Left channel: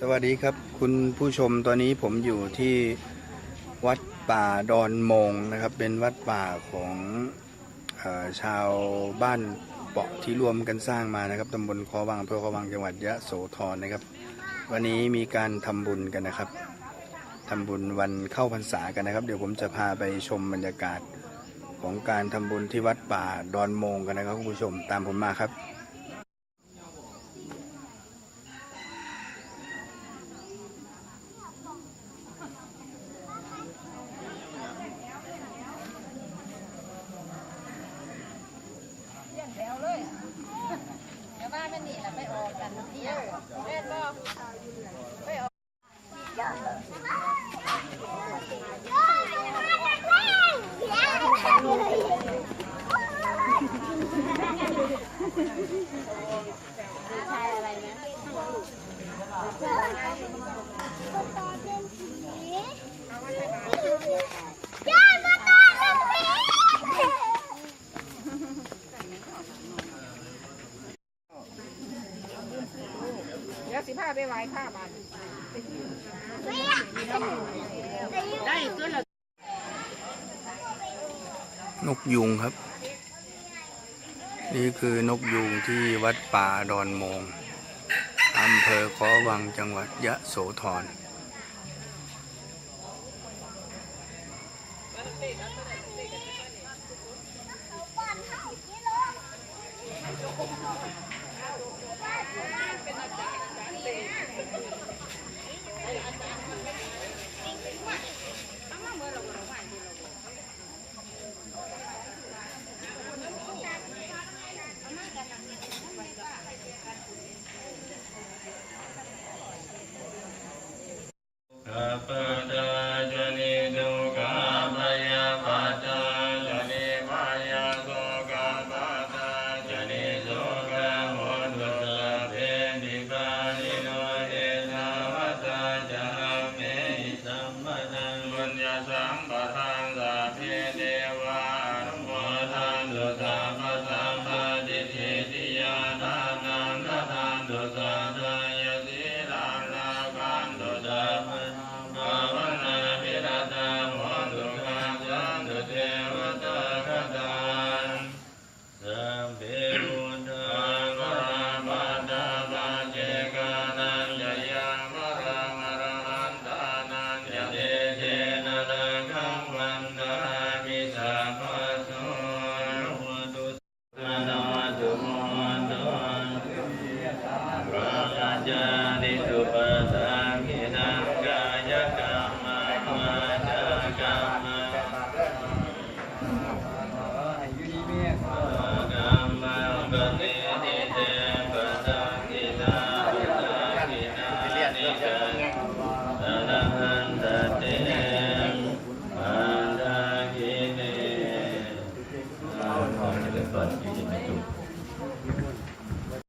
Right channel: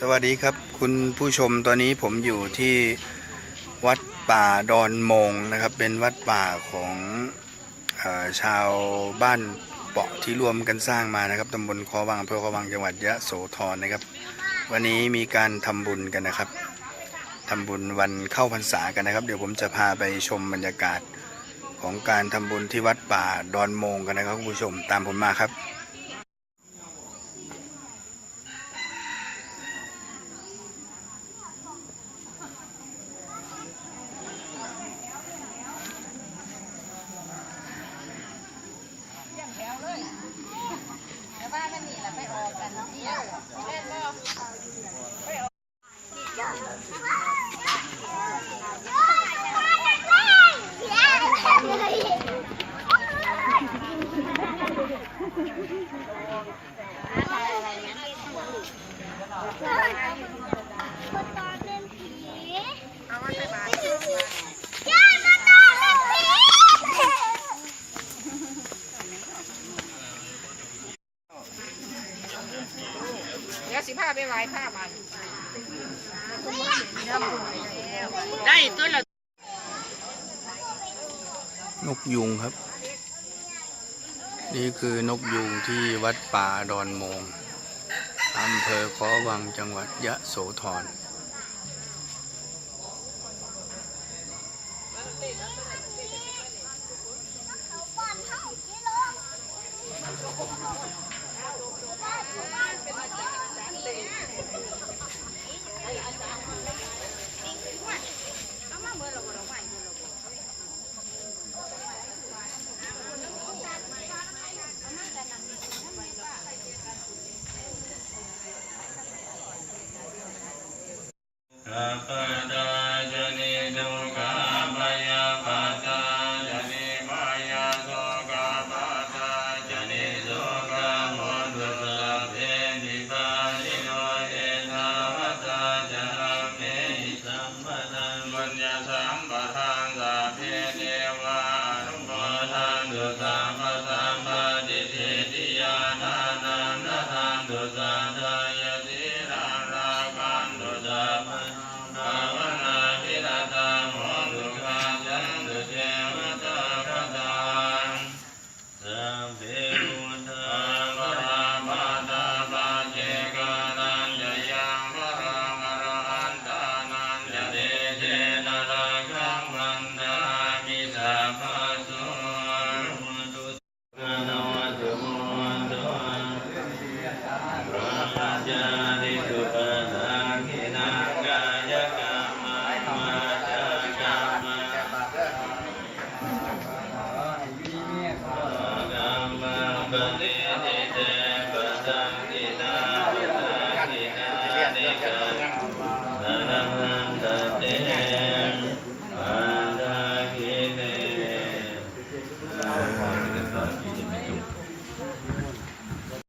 สวัสดีครับ คุณผู้ชมตอนนี้ผมอยู่ที่วัดป่าดอนมงนะครับ เป็นวัดป่าของอชาวบ้านเปาะที่รวมกันสร้างมานะครับตำบลคอวังอำเภอคอวังจังหวัดยะโสธรนะครับ วันนี้มีการทำบุญกันนะครับทำบุญวันเข้าพรรษากันนะครับ เดี๋ยวผมจะพาไปชมบรรยากาศของการทำบุญที่วัดป่าดอนมงกันนะครับคุณผู้ชมตามผมมาครับ แต่ว่ามันนี่แหละไปออกกันเที่ยวแม่นบ่ไปออก เดี๋ยวสิพาไปไหว้พระบันได้ตัวละ นกยุงครับ นี่คือนกยุงที่วัดป่าดอนโมงอำเภอขอวังจังหวัดยะโสธร สัพพะ พระราชา